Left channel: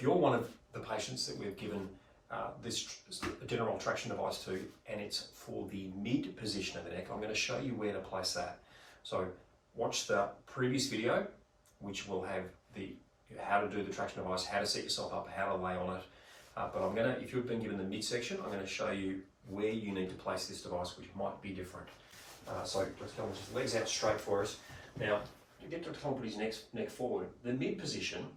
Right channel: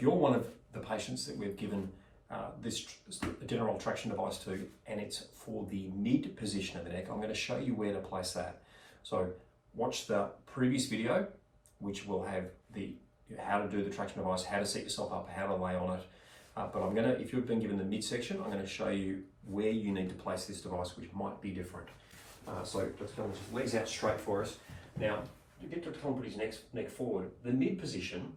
if you're one of the patients that we've given this Denneroll traction device to, and it's for the mid position of the neck, I'm going to show you where to place that. So watch the previous video, which will have the how to do the traction device, how to set yourself up, how to lay on it. But I'm going to, if you've been given the midsection, I'm going to show you where you need to place this device, which might be different. So let's go on, just legs out straight for us. Now, you get Dr. Callum put his neck forward. The mid position,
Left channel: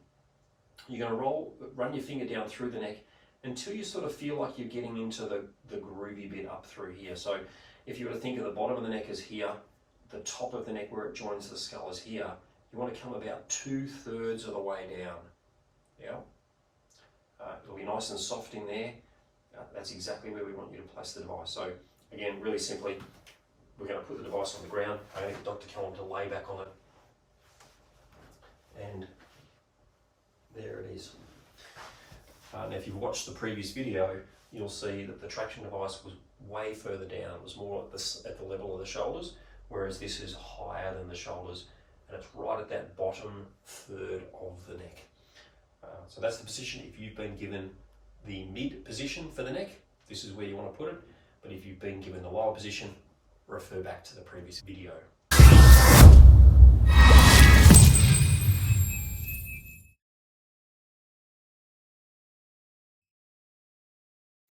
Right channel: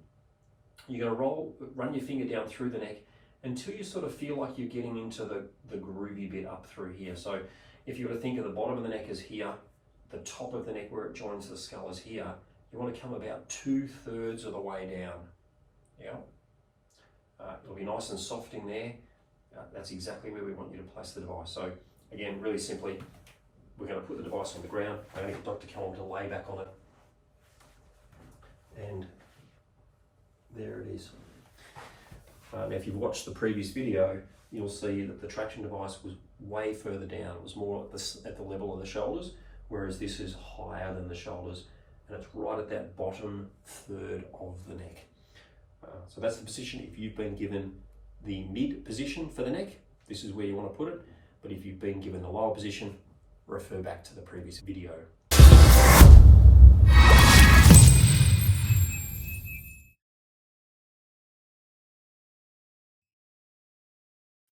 you're going to run your finger down through the neck until you sort of feel like you're getting into the groovy bit up through here. So if you were to think of the bottom of the neck as here, the top of the neck where it joins the skull is here, you want to come about 2/3 of the way down. Yeah. It'll be nice and soft in there. That's exactly where we want you to place the device. So again, really simply, we're going to put the device on the ground. I'm going to get Dr. Callum to lay back on it. And there it is. Now if you've watched the previous video, you'll see that the traction device was way further down. It was more at the level of the shoulders, whereas this is higher than the shoulders, and it's right at that bottom third of the neck. So that's the position. If you've been given the mid position for the neck, this is where you want to put it. But if you've been given the lower position, refer back to the previous video.